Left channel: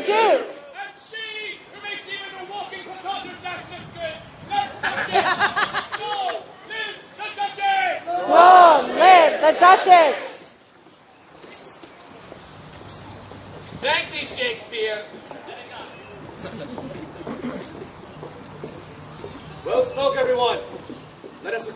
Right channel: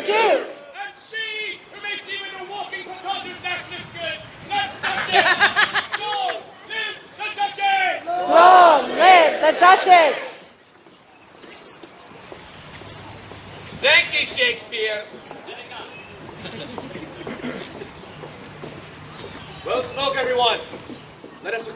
the Duke. And she, who makes even the walking potato sack look good, the Duchess! Long live the Duchess! Long live the Duchess. Thank you, Shakespeare. Well spoke, everyone. Let us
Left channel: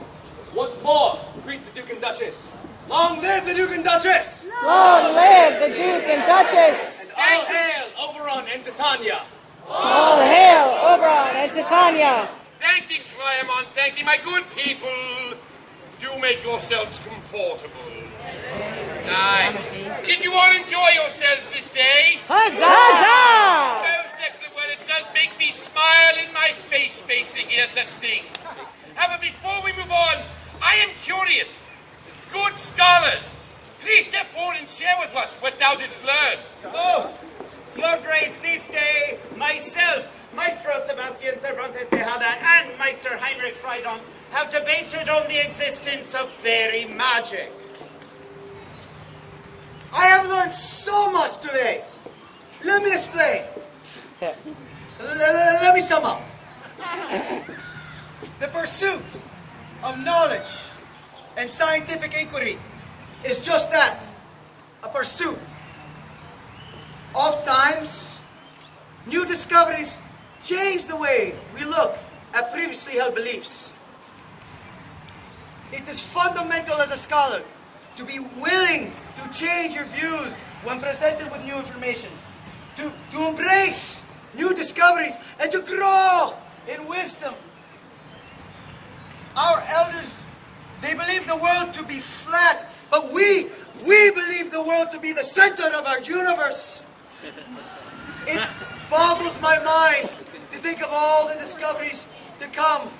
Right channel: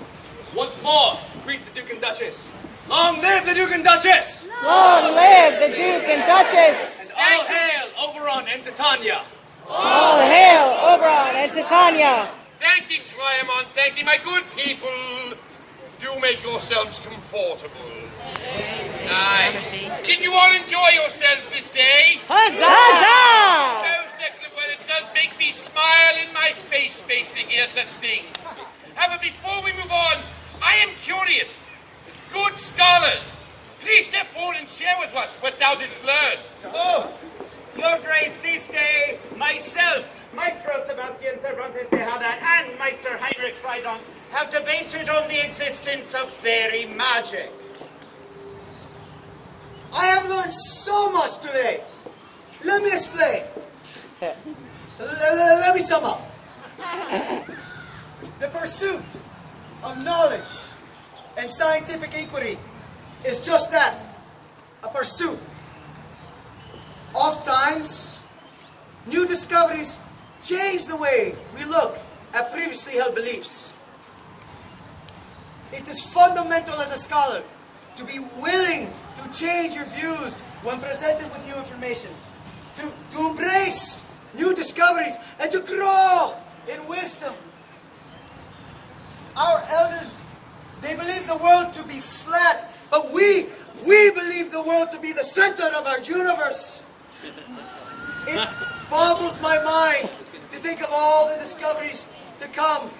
once more greet the Duke and Duchess. Long live the Duke and Duchess! Long live the Duke and Duchess. And all hail Oberon and Titania. All hail Oberon and Titania. Thank thee, Triamon. Thank thee, my good people. Do make yourselves comfortable. Aye. Did you all enjoy yourselves this day? Huzzah! Most excellent. Well, it does make me smile in my face to hear such things. However, before we move on, I am curious. Good scholars, please step forward and share with us what thou didst learn. Oh, Your Grace, this day, myself, Maestro Sebastian Cervantes Tejada, and Meister Heinrich Freidon have debated on the existence of fairy magic. I have learned so much today. Let me explain. Let me sum up. The pursuit of knowledge and scientific inquiry is just that, a pursuit. Oftentimes, new discoveries change the way we look at previously held beliefs. It is fundamental as a scholar to be willing to change your views when presented with new information, to embrace new discoveries, and to grow in wisdom. Our elders, they believe the world to be flat, but we believe the world to be the center of our universe. It boggles my mind to think of all the discoveries to come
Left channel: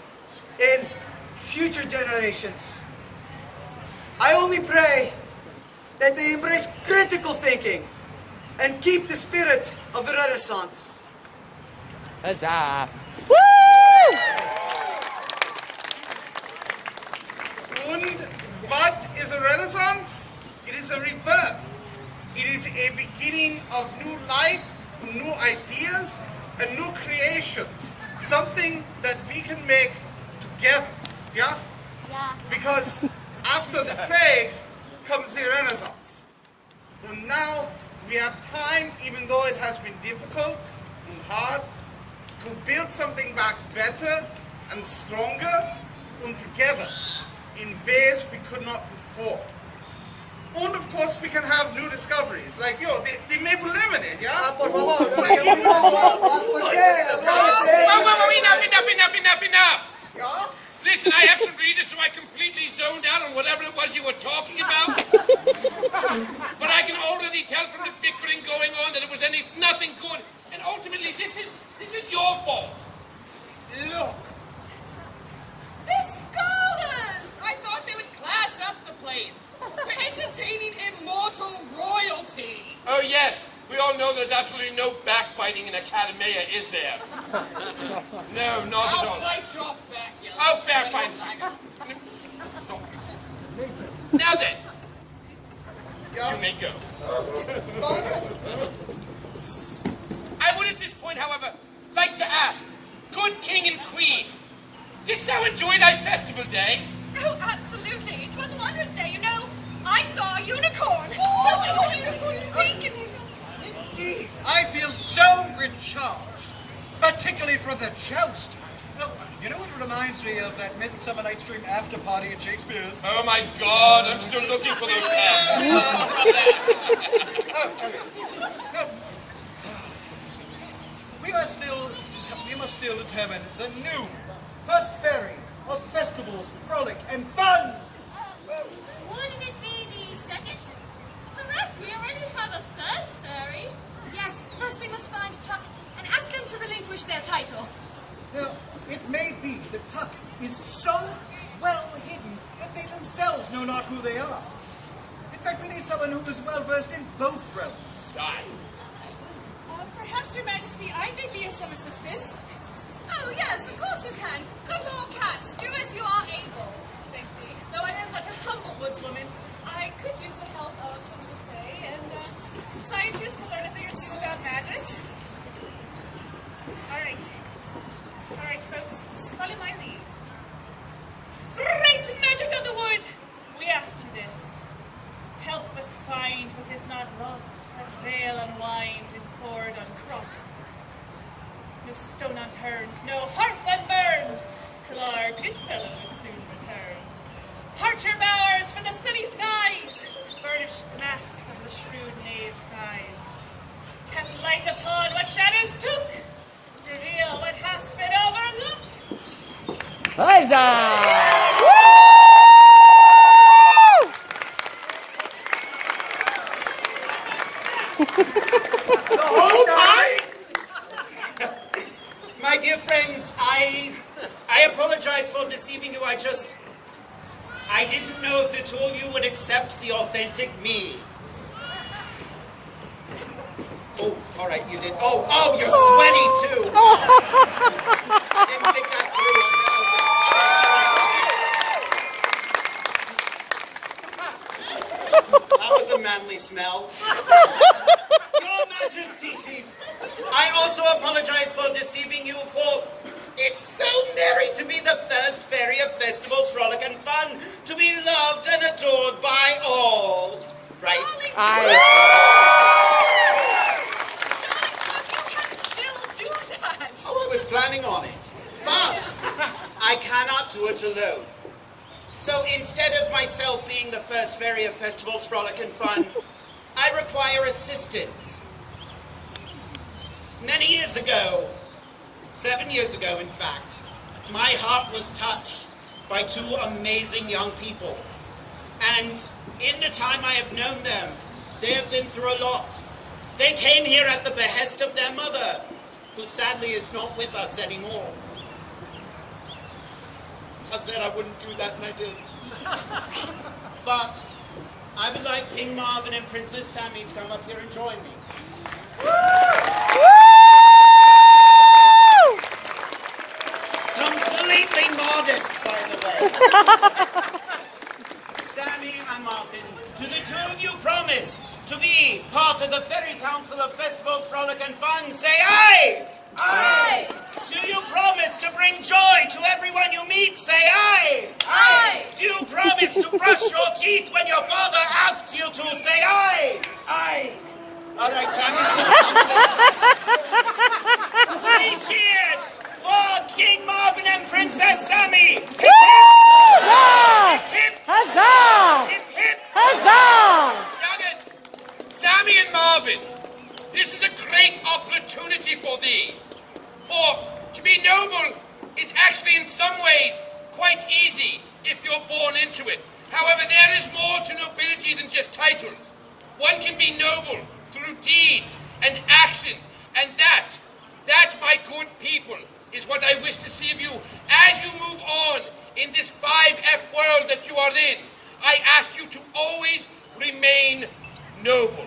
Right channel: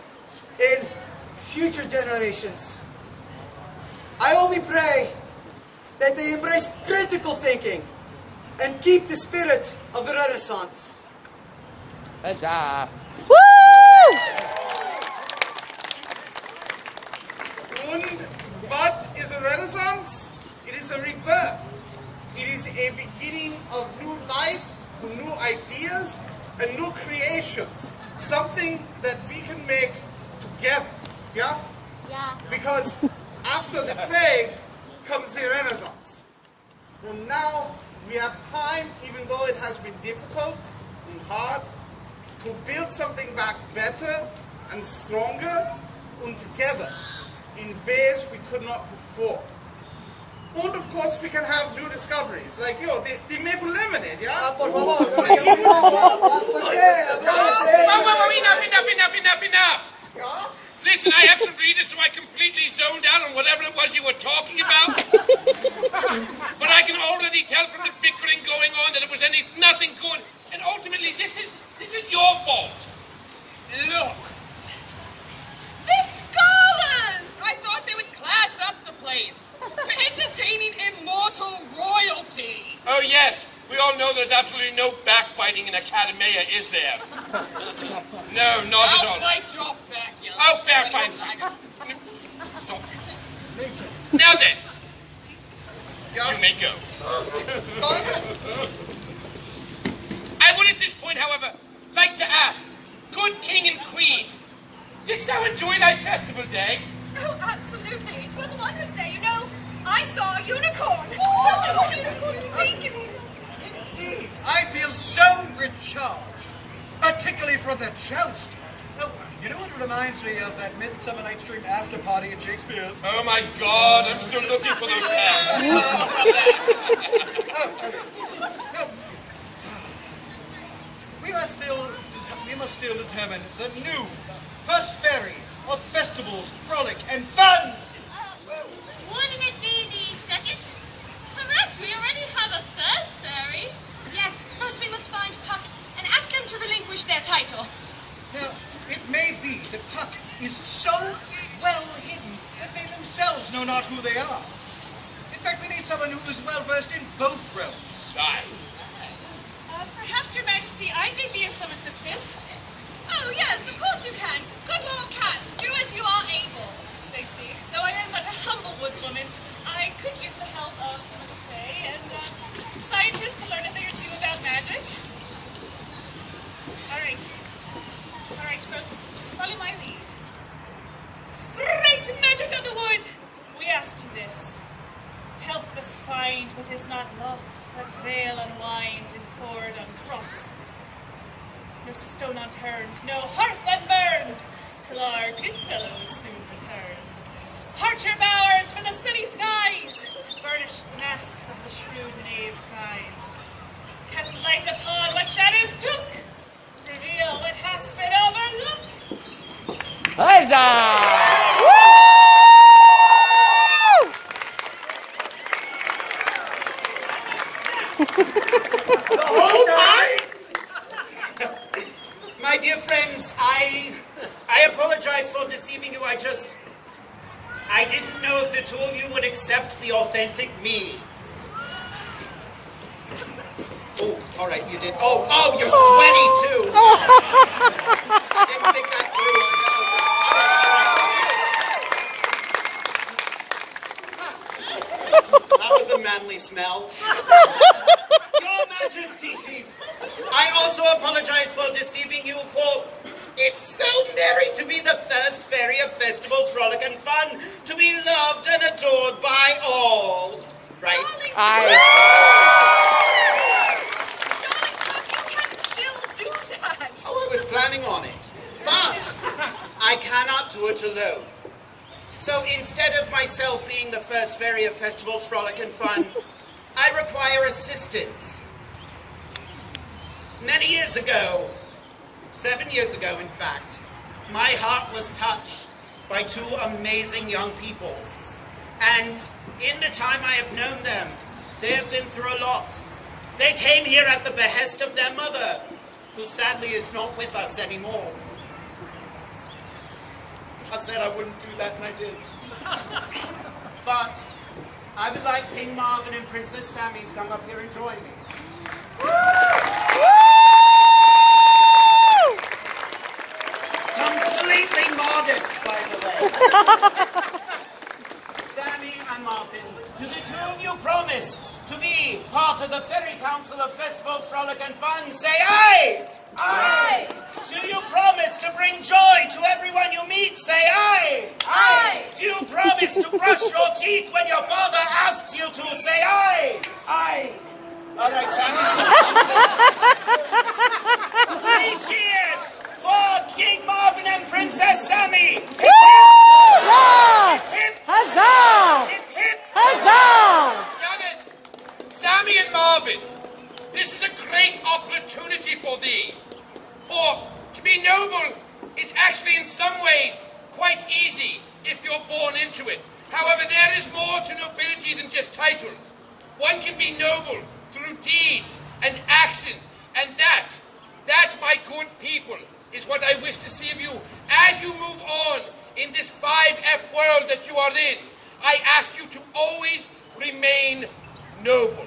in future generations. I only pray that they embrace critical thinking and keep the spirit of the Renaissance. Huzzah! Woo! And what is a Renaissance? It is a rebirth. It is a beginning of new life, new ideas, and new creations. Something that we can make together. Yeah? Yeah. Because after the plague comes the Renaissance. And now we have time, even though it has been difficult and hard, to build something back better and stronger and together in ways we could not before. And of course we can have new discoveries, like the maple lemonade, yeah? Por favor, ¿por qué? Enough! Listen, I have some readers, so I completely zoned out on whatever it was you were talking about. But I can already tell from the bickering going on that it was nothing good. And ultimately, this is your fault. Look. The scholars! I thought they would class up the place for entertaining immortal royalty. Oh, yes. We all know there's absolutely no backbiting in Academia, is there? No, not at all. I'll bite your back, you Oh, fair, fine. Stop. Now then, you may go. I would at this point, however, like to ask, good king and queen, didst thou enjoy thy festival day? Oh, absolutely. It was Wondrous Day, you know. I saw a unicorn. Oh, what unicorn is thinking? Indeed, I feel so recharged, particularly for the joust. Oh, you know what reminds me of that Midsummer Night's Dream after party at Shakespeare's? Oh my God, I'm still looking for those pants. We must still determine the new first fairy of festivals, frolic, and fun. Wouldn't it be the second? Correct, we already have a first fairy. Yes, first we must find Puck and ask them to relinquish their title. Now, it may be that Puck is so well hidden that they themselves know not who they are. In fact, we need someone who is well versed in both realms. Aye. Perhaps, Your Majesty, I may be of some assistance. Oh, yes, of course you can. Good Lord Cats, do as you are able. Thank thee. Though I am but a humble woodswoman, I could use the help of some of the Fae, and scientists can learn a thing or two about magic. unwind and ford uncross. No stone unturned, no hearth unburned, till our good fellows soon return. Part your bowers for the sunny skies, to burnish the mask of the shrewd knave's guise. Cast light upon what shadows took, reveal what has been overlooked. Huzzah! The whole time? My dear friends, I apologize for deceiving you. I didn't know if the two of you would accept the authentic me. Oh, all right, you did. Oh, you're sweaty too. I didn't think that through. Okay. That was a manly smell. Your Majesties, I also apologize for deceiving you, for it's so merry to be the first fairy of festivals, frolic and fun, to be loved and adored by all. Right? Darling, you can still do that. Oh, I was planning on it. But I cannot do it alone. So instead of myself being the first fairy of festivals, frolic and fun, I require assistance. Many years ago, 7 years ago in fact, my heart was touched by two amazing young people. And in the time I have known them, they have been through a lot. They came here at the behest of their mother, who sadly is not with us anymore. I said I wouldn't do that and I did. But I would like King Marvin and Princess Sammy to come up here and join me. Completely modest, by the way. Sammy and Marvin, do the two of you promise to be part of the Fairy Council of Festivals, Frolic and Fun? Say aye! Aye! Do you promise to bring joy to everyone you meet? Say aye! Aye! Do you promise to brush your teeth when your father asks you to? Say aye! Aye! All right, Sammy's Three cheers for King Marvin and Princess Sammy! Hip, hip! Huzzah! Hip, hip! Huzzah! Hip, hip! Huzzah! Got it. Sammy and Marvin, this is a great opportunity for thee. For to be noble is actually in some ways quite easy if you're born into it. However, there is more to nobility than just titles. One can be noble through deeds and actions, and that, my good people, is what I wish to see of you as you move on in this 5F world that you are in. I ask you to always remain noble.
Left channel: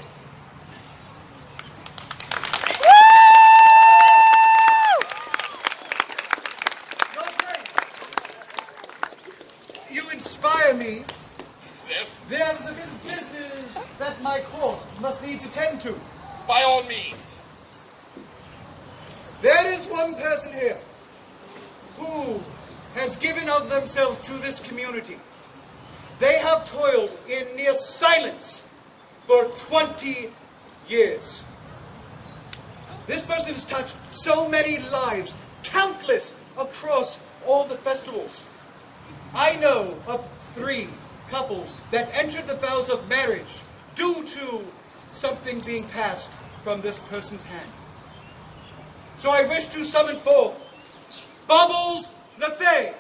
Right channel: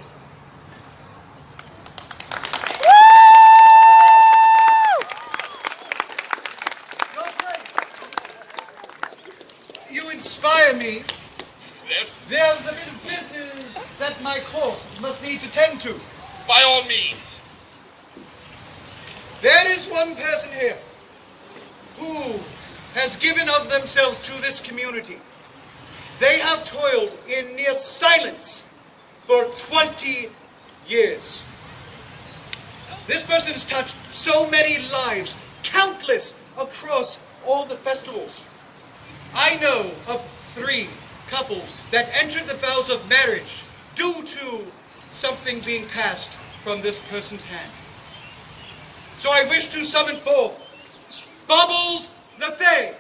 You inspire me. Yes, There's a bit of business that my court must needs attend to. by all means. There is one person here who has given of themselves to this community. They have toiled in near silence for 20 years. This person has touched so many lives, countless across all the festivals. I know of 3 couples that entered the vows of marriage due to something being passed from this person's hand. So I wish to summon forth Bubbles Nafay.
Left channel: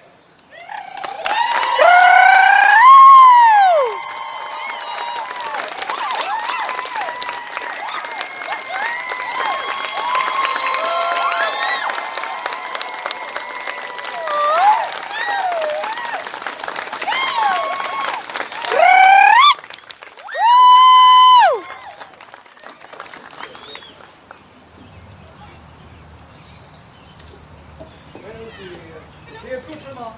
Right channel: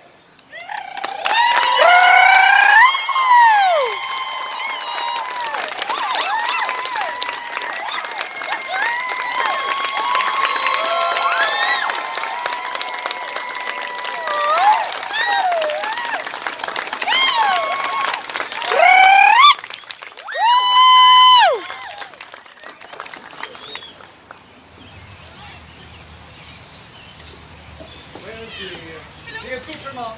The accoutrement.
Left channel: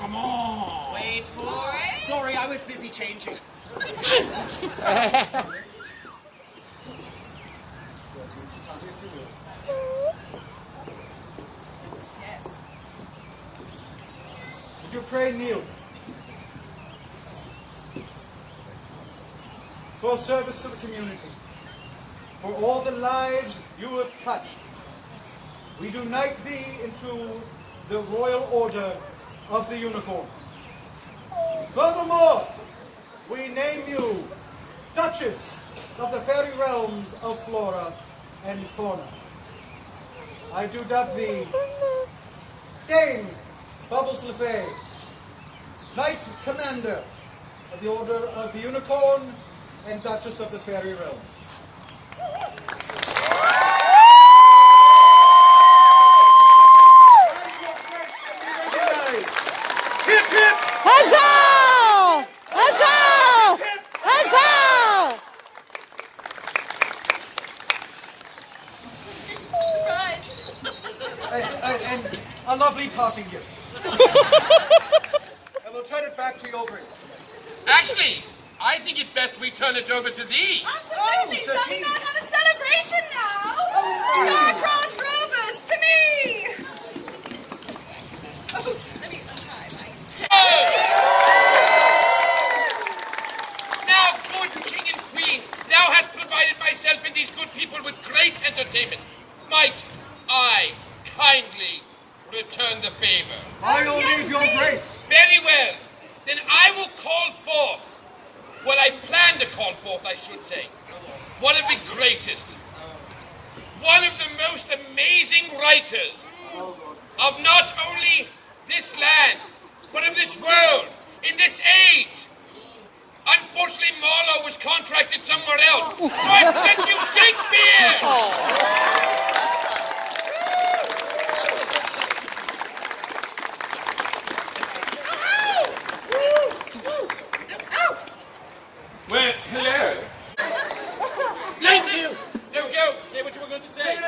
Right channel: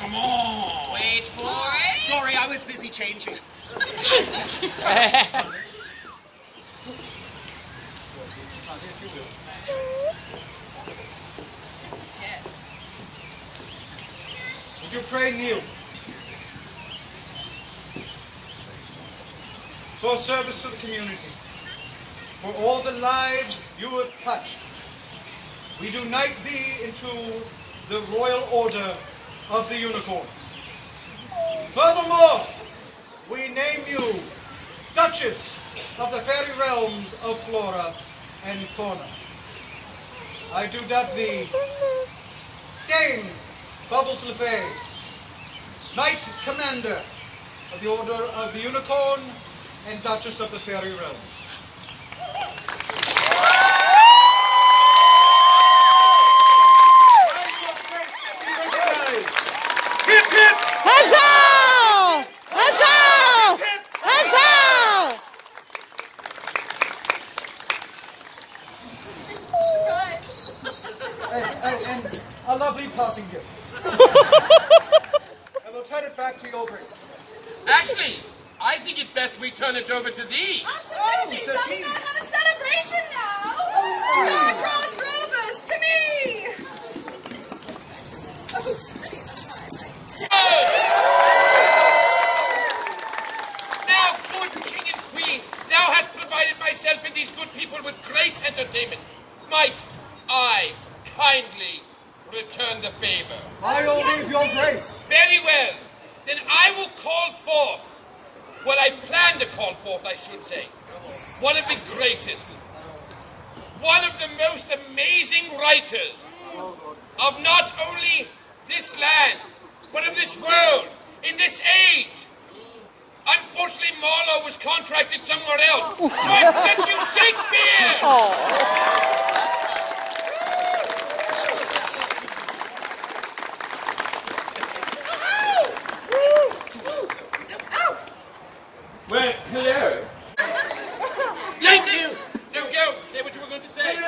Come on. Wait for it. Sorry, I was busy changing. Yes. Would you pray kneel? for service to the community, for all the lives you have touched. We do knight thee into the Royal Order of the Unicorn. Furthermore, we name you Duchess of the Fairy Realms of Flora and Fauna. I do dub thee Dame Bubbles LeFay, Knight Commander of the Order of the Unicorn and Duchess of the Fairy Realms. Hip hip! Huzzah! Huzzah! Huzzah! And a lovely parting gift. And we'll turn it back to your grace. Actually, I think it best we turn it over to thee. Absolutely. Shall we not have a celebration now? Star-crossed rovers, to me! Oh, let me Now, good king and queen, thou hast provided myself and these good people with great entertainment. Might I kindly return the favor? By your leave, your grace. Very well. Then I will call forth, well, I plan to call forth, I should say, one of the greatest, one of the most amazing writers of not only this land, but of this world, in this age. Unfortunately, Marlowe was contracted somewhere else, so I present you Shakespeare! Well, hello. Thank you! No, go! Say what you were going to say. No,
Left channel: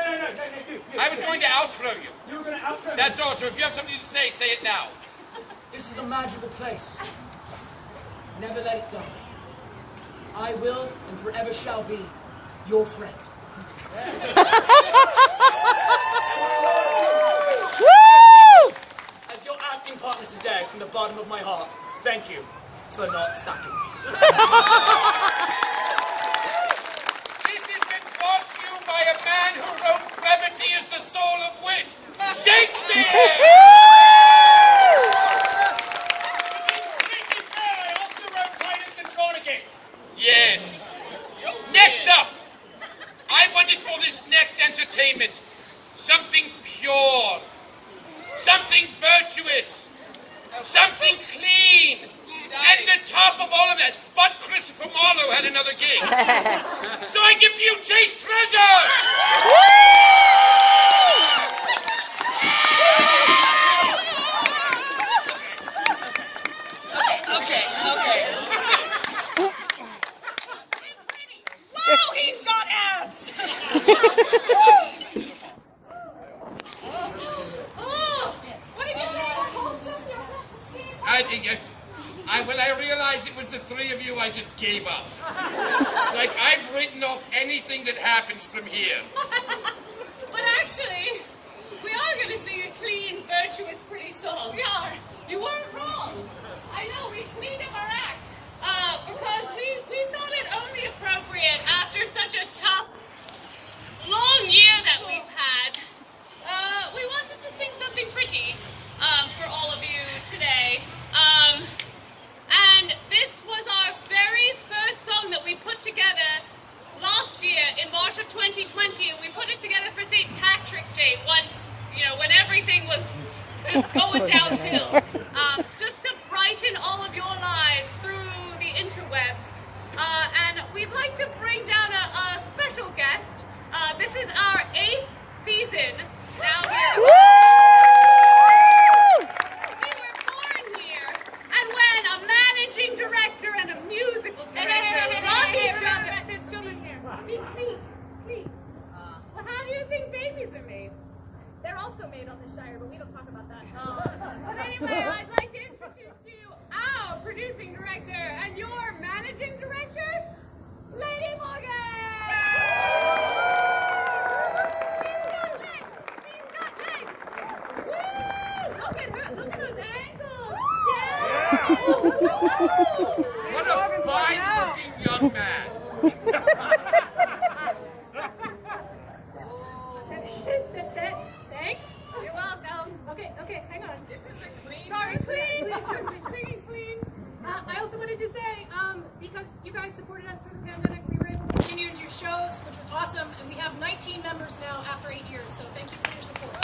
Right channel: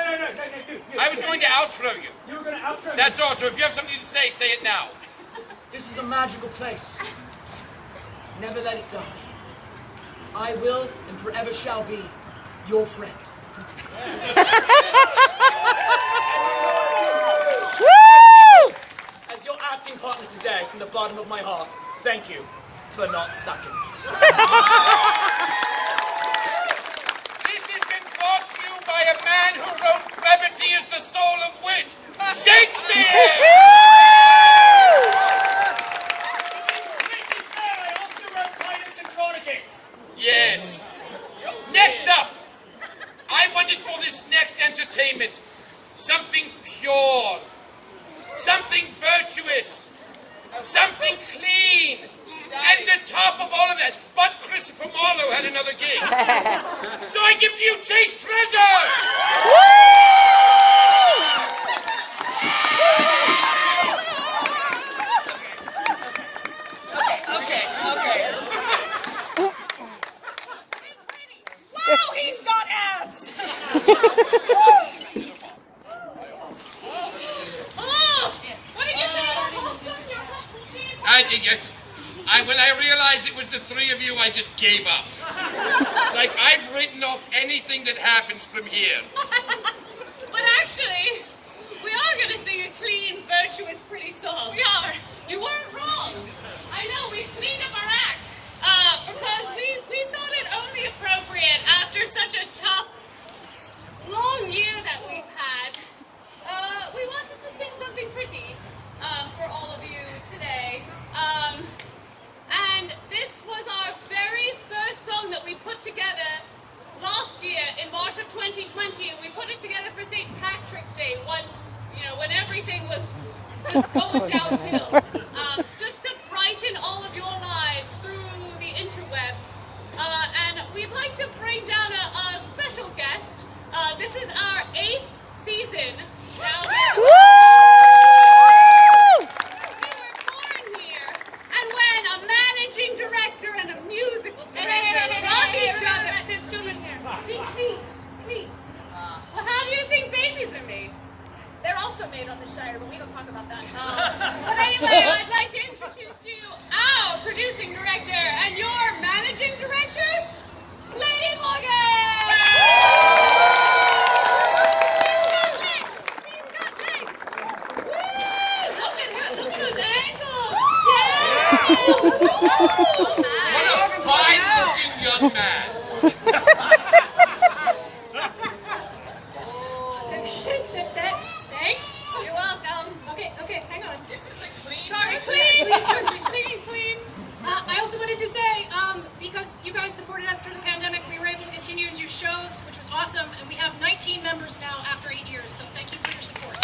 you. I was going to outro you. You were going to outro me. That's all, so if you have something to say it now. This is a magical place. Never let it die. I will and forever shall be your friend. Woo! As your acting partner today, from the bottom of my heart, thank you for not sucking. This has been brought to you by a man who wrote brevity is the soul of wit, Shakespeare! Yes. Next up, I wanted for this next entertainment something pure, something virtuous, something clean, and the top of all of that. But Christopher Marlowe had another gig. So I give to you Chase Treasure! Okay. Wow, he's got abs! Oh, what did you say about wholesome When I realized it was the three of you, I just gave up. Like, I've written off anything that happens from here. But actually, we are going to sing a clean, virtuous, pretty song. We are. You weren't wrong. I know, we cleaned up our act. Because we thought it only appropriate after such a tough, long year that we've had. We wanted to sing something pretty for all of you today. And this was our very first song that we put together last year in March of 2020. And we put it together for St. Patrick's Day once, when everything was just going downhill. Just to brighten all of your lives through the interwebs. And we'd like to bring down a special guest. This is our 8th season now here. We were born here, and when a managing director and a musical director love each other. There's children here. Clean. Well, how do you think babies are made? They're also made on the Shire, but we don't talk about that. But anyway, I'd like to introduce to you our producing director and your managing director, Lady Morgan! Look at those ankles! Yeah! What a fine-looking young man. Thanks. You're welcome. Okay, hang on. Sorry, clean. Clean. I also wanted to say, because you guys supported us through the pandemic, we were able to continue to do shows, which was awesome, and we have 19 members now after 8 years, so thank you for your support.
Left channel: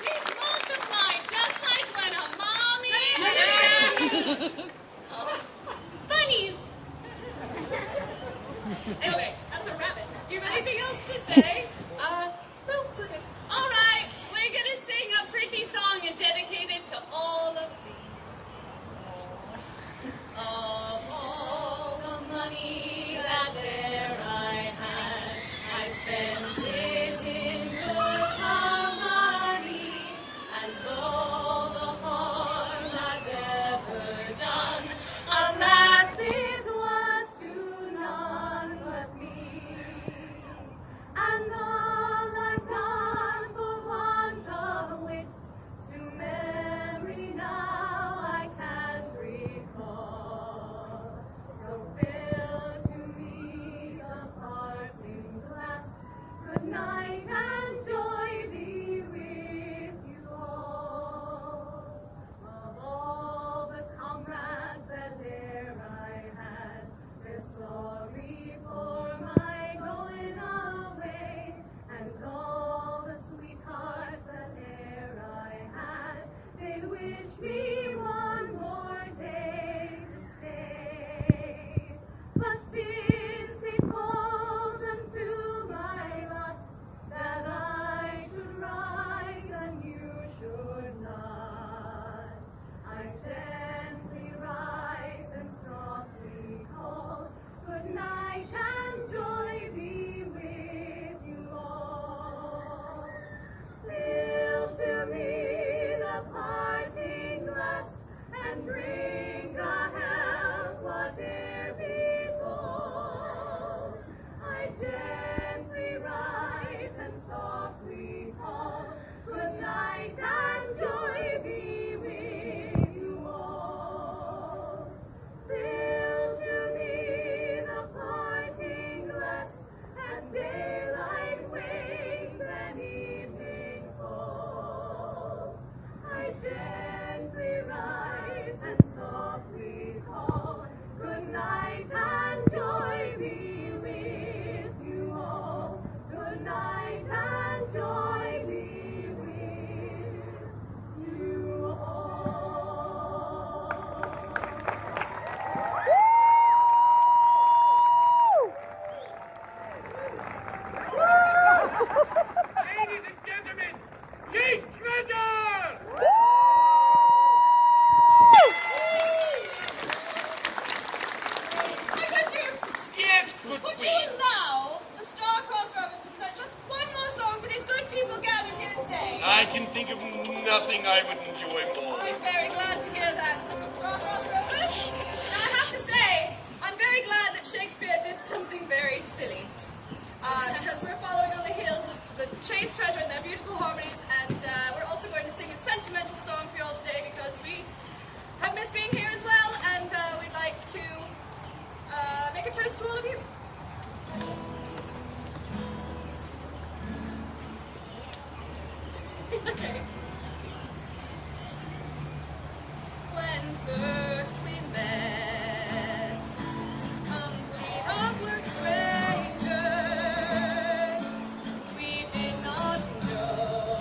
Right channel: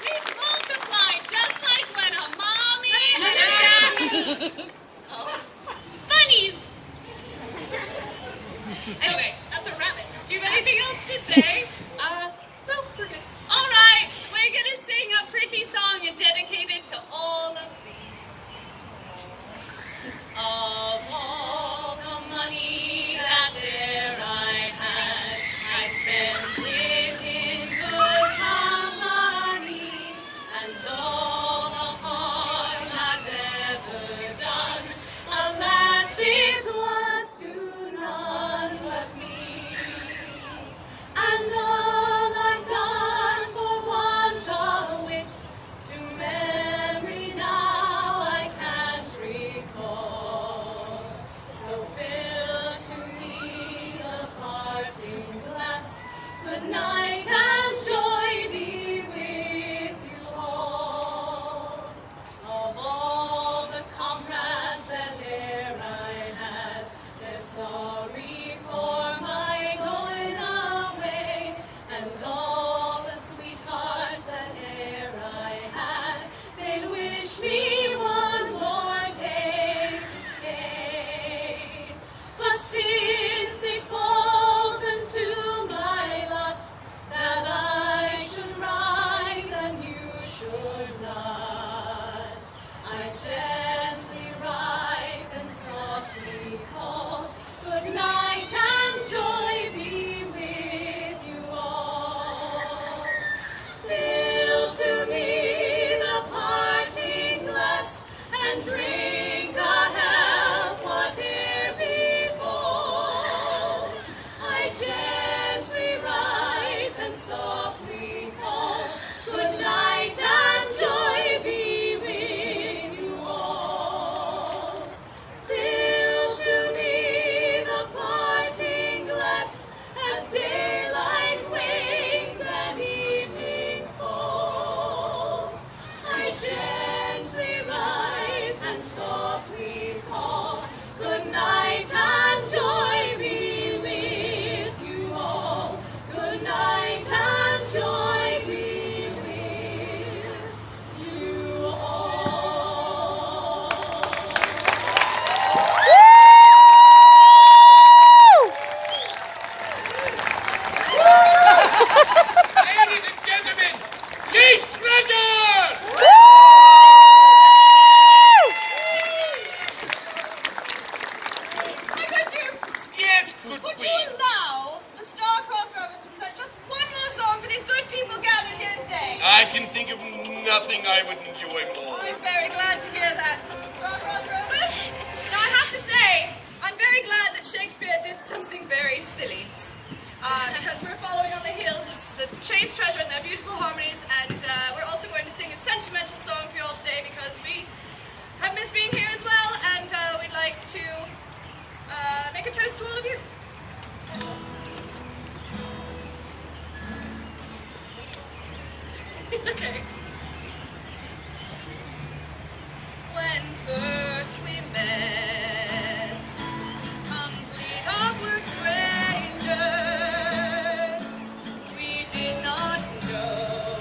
We've multiplied just like when a mommy and a daddy. Oh, bunnies. Anyway, that's a rabbit. Do you have anything else to say? No, we're good. All right, we're gonna sing a pretty song and dedicate it to all of these. Of all the money that e'er I had, I spent it in good company, and all the harm I've ever done, alas, it was to none but me. And all I've done for want of wit, to memory now I can't recall. So fill to me the parting glass. Good night and joy be with you all. Of all the comrades that e'er I had, they're sorry for my going away, and all the sweethearts that e'er I had, they'd wish me one more day to stay. But since it falls into my lot that I should rise and you should not, I gently rise and softly call, good night and joy be with you all. Fill to me the parting glass and drink a health whate'er befalls. I gently rise and softly call, good night and joy be with you all. Fill to me the parting glass as daylight wanes and evening falls. I gently rise and softly call, good night and joy be with you all. Good night and joy be with you all. Ladies and gentlemen, she's treasure! My good dear, Yes, good would you queen. allow the star-crossed rovers to play just one more song for these good people gathered here today? I can think of nothing I would enjoy more. I'm very glad to hear that. Star-crossed rovers? Now I have to say, I'm very glad that Shakespeare did something very silly. Because we're following on the heels of the Chase Treasure and their beautiful harmonies, and we're also going to sing a sentimental song for you all today because we have missed being here as well, and we'd like to make a toast to all of you. Okay. When first we met, complete awkward strangers, we did not know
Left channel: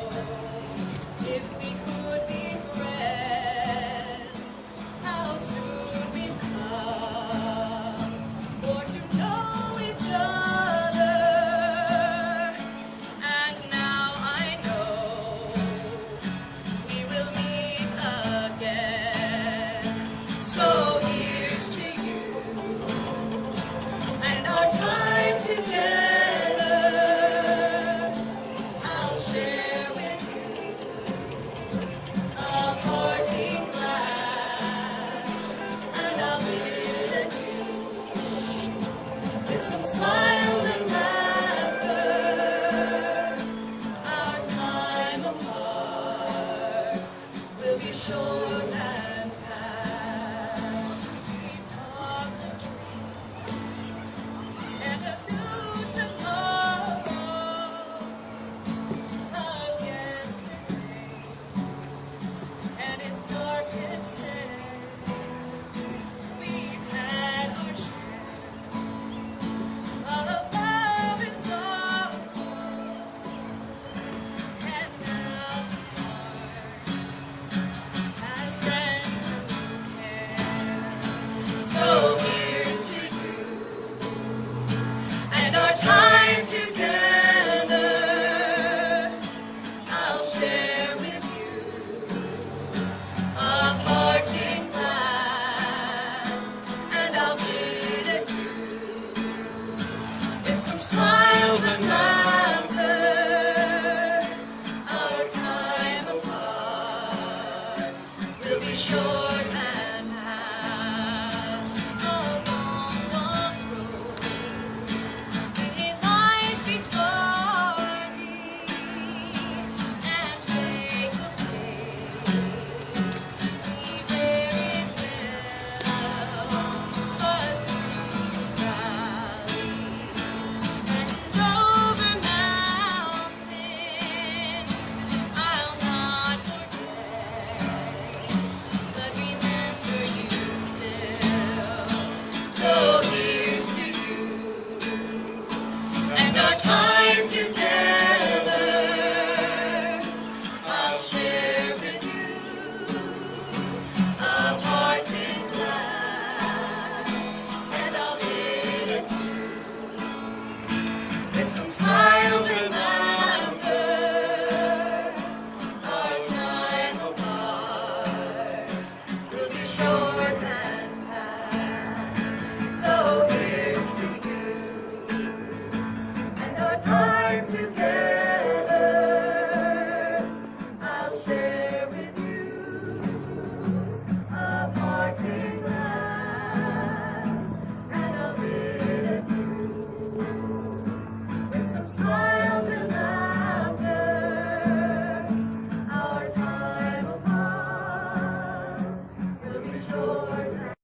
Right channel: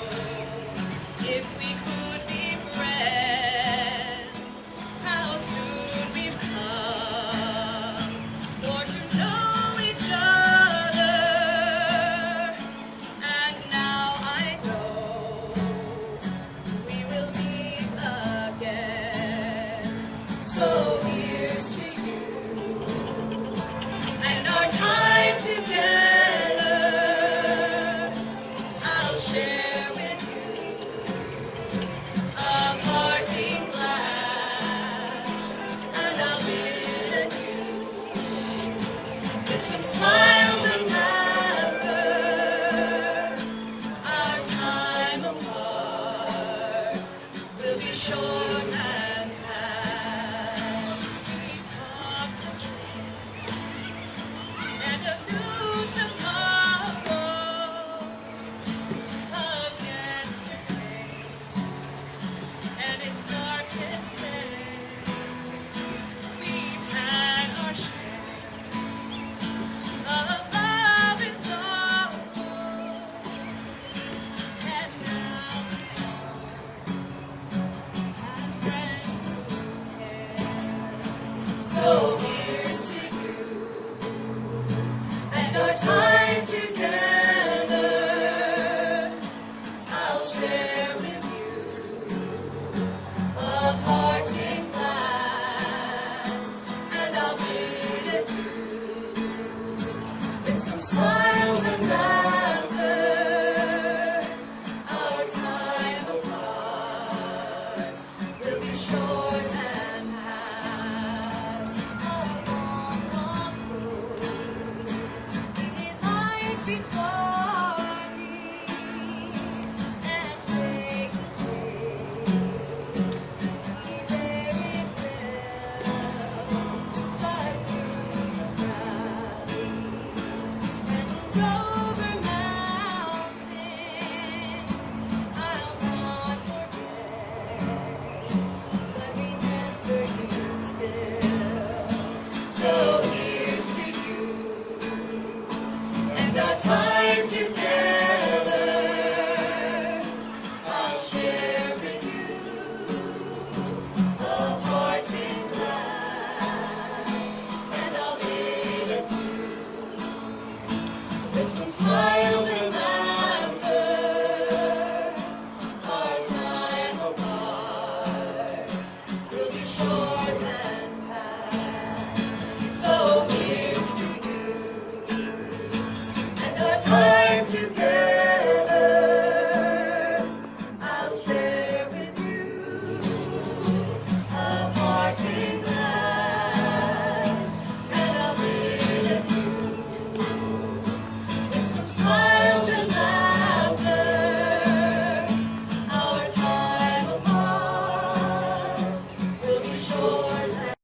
if we could be friends. How soon we've come for to know each other, and now I know we will meet again. So here's to you and our time together. I'll share with you a parting glass, and I'll bid adieu with some smiles and laughter. Our time apart will be short and past. We talked be short and pass along the road. It lies before me, and they will take me where it will, but through the valleys and over mountains, I'll not forget, but remember you still. So here's to you and our time together. I'll share with you a parting glass, and I'll bid adieu with some smiles and laughter. Our time apart will be short and past. So here's to you and our time together.